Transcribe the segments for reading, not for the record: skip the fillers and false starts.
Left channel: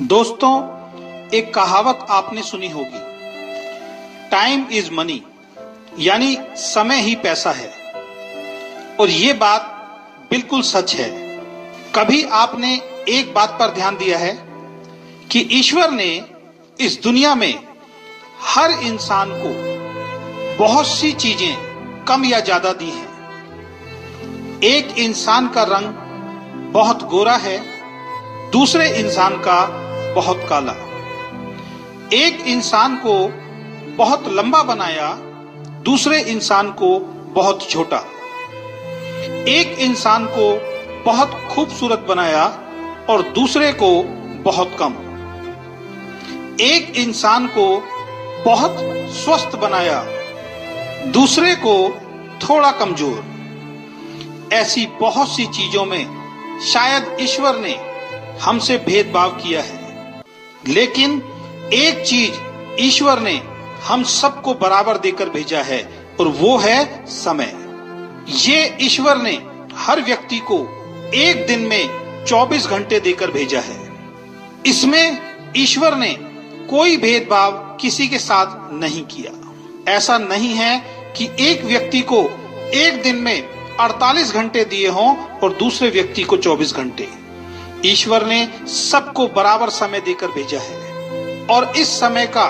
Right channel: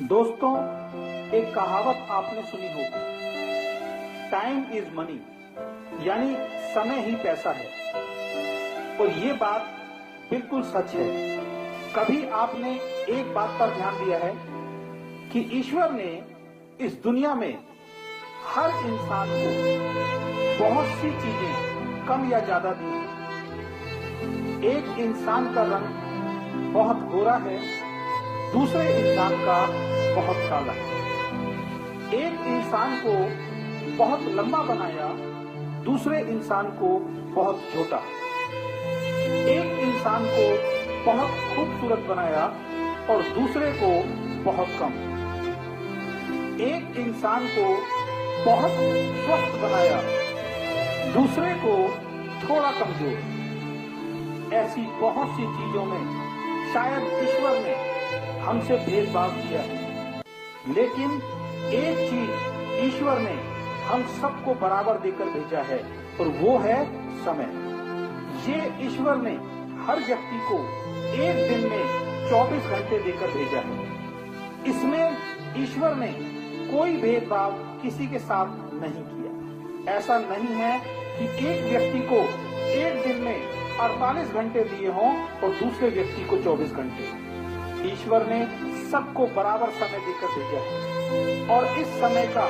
दोस्तों, एक कहावत आपने सुनी होगी, टाइम इज मनी, यानी समय ही पैसा है। और ये बात बिल्कुल सच है। कभी आपने एक बात पर ध्यान दिया है कि ईश्वर ने इस दुनिया में हर इंसान को बहुत सी चीजें कम या ज्यादा दी हैं। एक इंसान का रंग बहुत गोरा है, दूसरे इंसान का बहुत काला। एक इंसान को बहुत लंबा बनाया, दूसरे इंसान को बहुत छोटा। एक इंसान को बहुत खूबसूरत बनाया और दूसरे को बहुत कम। एक इंसान को बहुत स्वस्थ बनाया, दूसरे को थोड़ा कमजोर। ऐसी बहुत सी चीजों में शायद ईश्वर ने हमसे भेदभाव किया है, लेकिन एक चीज ईश्वर ने हम सबको बराबर देकर भेजा है और वो है समय। ये ईश्वर ने हर व्यक्ति को एक दिन में 24 घंटे देकर भेजा है। इसमें ईश्वर ने कोई भेदभाव किसी के साथ नहीं किया। ऐसा नहीं है कि एक व्यक्ति को एक दिन में 48 घंटे दिए हों और दूसरे व्यक्ति को 24 घंटे। ईश्वर ने सबको बराबर समय देकर भेजा है और इस समय का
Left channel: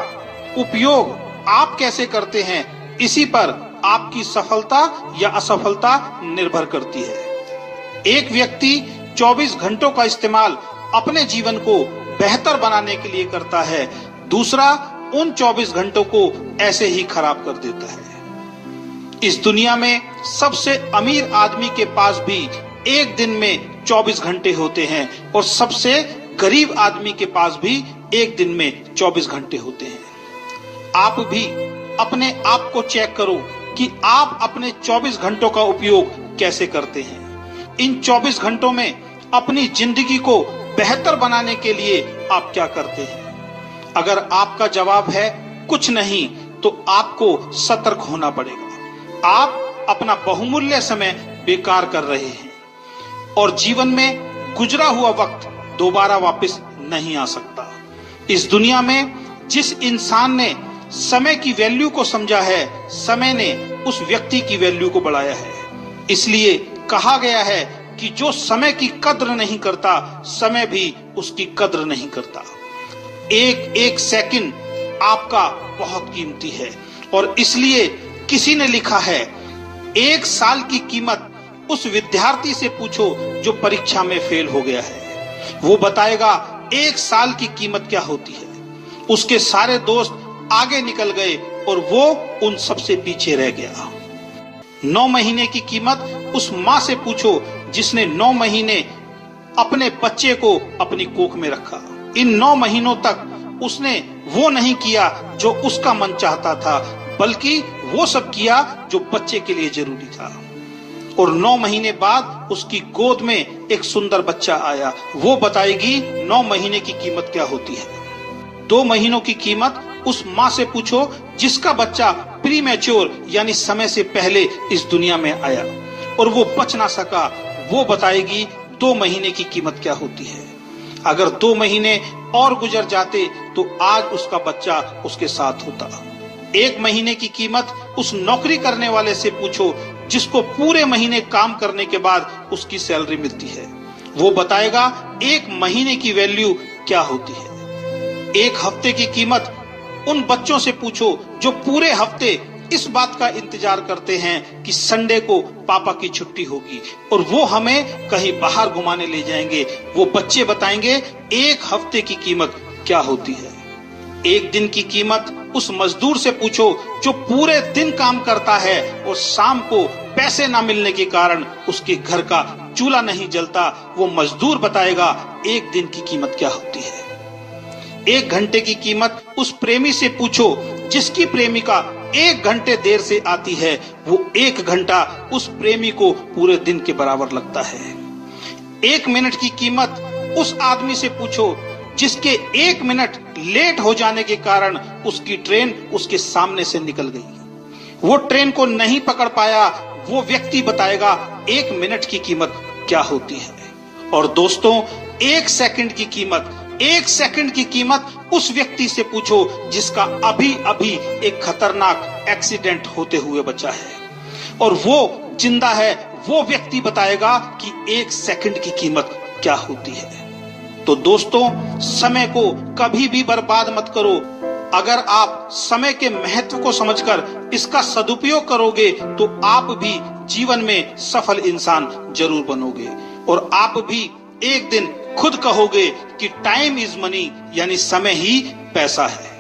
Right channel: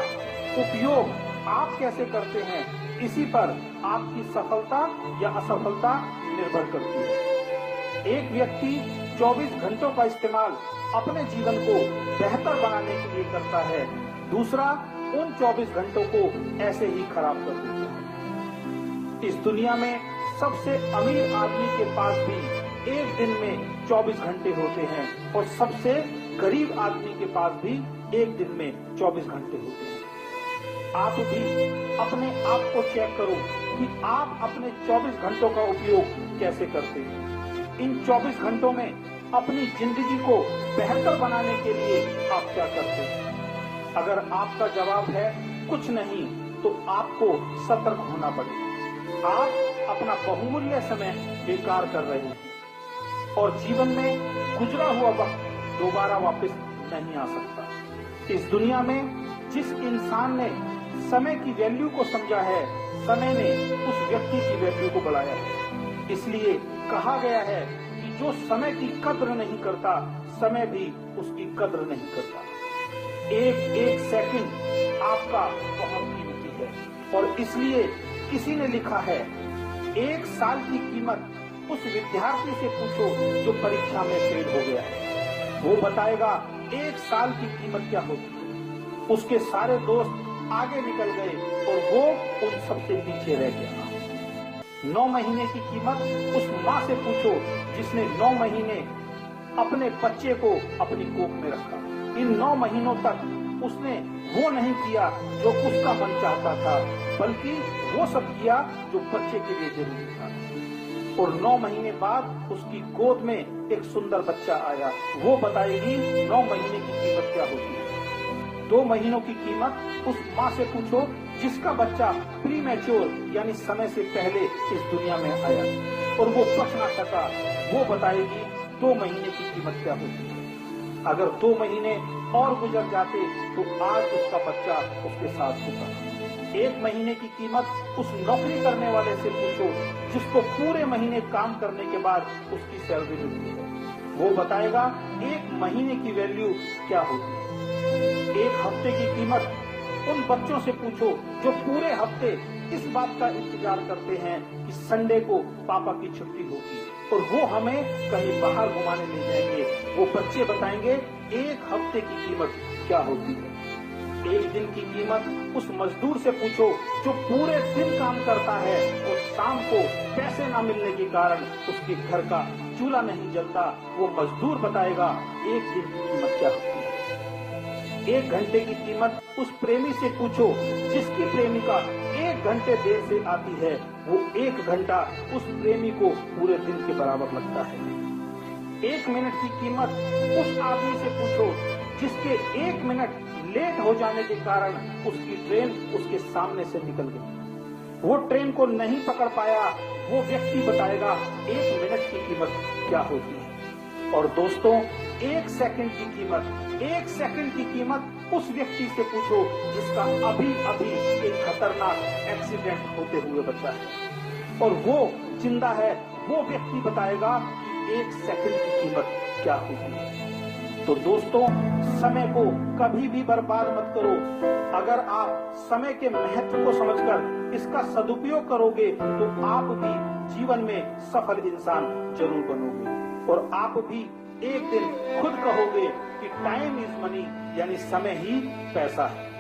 उपयोग आप कैसे करते हैं, इसी पर आपकी सफलता या असफलता निर्भर करती है। एक व्यक्ति 24 घंटों का इस्तेमाल अपने जीवन को बेहतर बनाने के लिए करता है, दूसरा उन 24 घंटों को ऐसे ही खराब कर देता है। इस दुनिया में सबसे अमीर आदमी के पास भी एक दिन में 24 घंटे होते हैं और सबसे गरीब आदमी के पास भी एक दिन में 24 घंटे होते हैं। आप भी अपने आप को चेक करो कि आप अपने 24 घंटों का उपयोग कैसे करते हैं। इन 24 घंटों में अपनी जिंदगी को बेहतर बनाने के लिए आप क्या करते हैं? अगर आपका जवाब है कुछ नहीं, तो आपको सतर्क होना पड़ेगा। आप अपना बहुमूल्य समय बेकार कर रहे हैं और जीवन में गुजरा हुआ वक्त दोबारा वापस नहीं आ सकता। इस दुनिया में जिस इंसान ने समय की वैल्यू को समझा है, समय ने उस व्यक्ति की वैल्यू को बढ़ाया है। इसलिए कहा गया है कि जो समय की कद्र नहीं करता, समय भी उसकी कद्र नहीं करता। एक एक सेकंड आपका बहुत कीमती है और इसलिए किसी ने लिखा है, एक साल की कीमत उस विद्यार्थी से पूछो जो परीक्षा में फेल हो गया है। वो बताएगा एक साल की कीमत क्या होती है। उसके सारे दोस्त आगे निकल गए और वो उन सबसे पीछे रह गया। 9 महीने की कीमत उस माँ से पूछो जिसने 9 महीने अपने बच्चे को अपनी कोख में रखा। इन 9 महीनों तक उसने वो नहीं किया जो उसका मन चाहता था, बल्कि वो सब किया जो बच्चे के लिए जरूरी था। और 9 महीने बाद उसकी गोद में एक सुंदर बच्चा आया। वो बताएगी 9 महीने की कीमत क्या होती है। 2 महीनों की कीमत उस माँ से पूछो जिसका बच्चा प्रीमैच्योर यानी समय से पहले इस दुनिया में आया और वो बच ना सका। वो बताएगी 2 महीने की कीमत क्या होती है। अगर 2 महीने और गुजर जाते तो आज उसका बच्चा उसके साथ होता। 1 महीने की कीमत उस नौकरी करने वाले से पूछो जिसको पूरे महीने काम करने के बाद उसकी सैलरी मिलती है। वो बताएगा 1 महीने की वैल्यू क्या होती है। 1 हफ्ते की कीमत उन बच्चों से पूछो जो पूरे हफ्ते इस बात का इंतजार करते हैं कि संडे को पापा की छुट्टी होगी और वो हमें कहीं बाहर घुमाने ले जाएंगे। वो बच्चे बताएंगे 1 हफ्ते की कीमत क्या होती है। 1 दिन की कीमत उस मजदूर से पूछो जो पूरे दिन काम करता है और शाम को पैसे ना मिलने के कारण उसके घर का चूल्हा नहीं जलता। वो मजदूर बताएगा 1 दिन की कीमत क्या होती है। 1 घंटे की कीमत उस प्रेमी से पूछो जिसकी प्रेमिका 1 घंटे देर से आती है। वो 1 घंटा उस प्रेमी को पूरे दिन के बराबर लगता है। 1 मिनट की कीमत उस आदमी से पूछो जिसके 1 मिनट लेट हो जाने के कारण उसकी ट्रेन उसके सामने से निकल गई। वो ट्रेन को नहीं पकड़ पाया। वो व्यक्ति बताएगा 1 मिनट की कीमत क्या होती है। और दोस्तों, 1 सेकंड की कीमत एक सेकंड की कीमत उस व्यक्ति से पूछो जिसका अभी अभी एक खतरनाक एक्सीडेंट होते हुए बचा है, और वो जिंदा है। वो व्यक्ति बताएगा कि एक सेकंड की कीमत क्या होती है। तो दोस्तों, समय को कभी भी बर्बाद मत करो। अगर आप समय के महत्व को समझकर इसका सदुपयोग करोगे तो आप भी जीवन में सफल इंसान जरूर बनोगे, और आप भी एक दिन खुद कहोगे कि टाइम इज मनी, यानी समय ही पैसा है।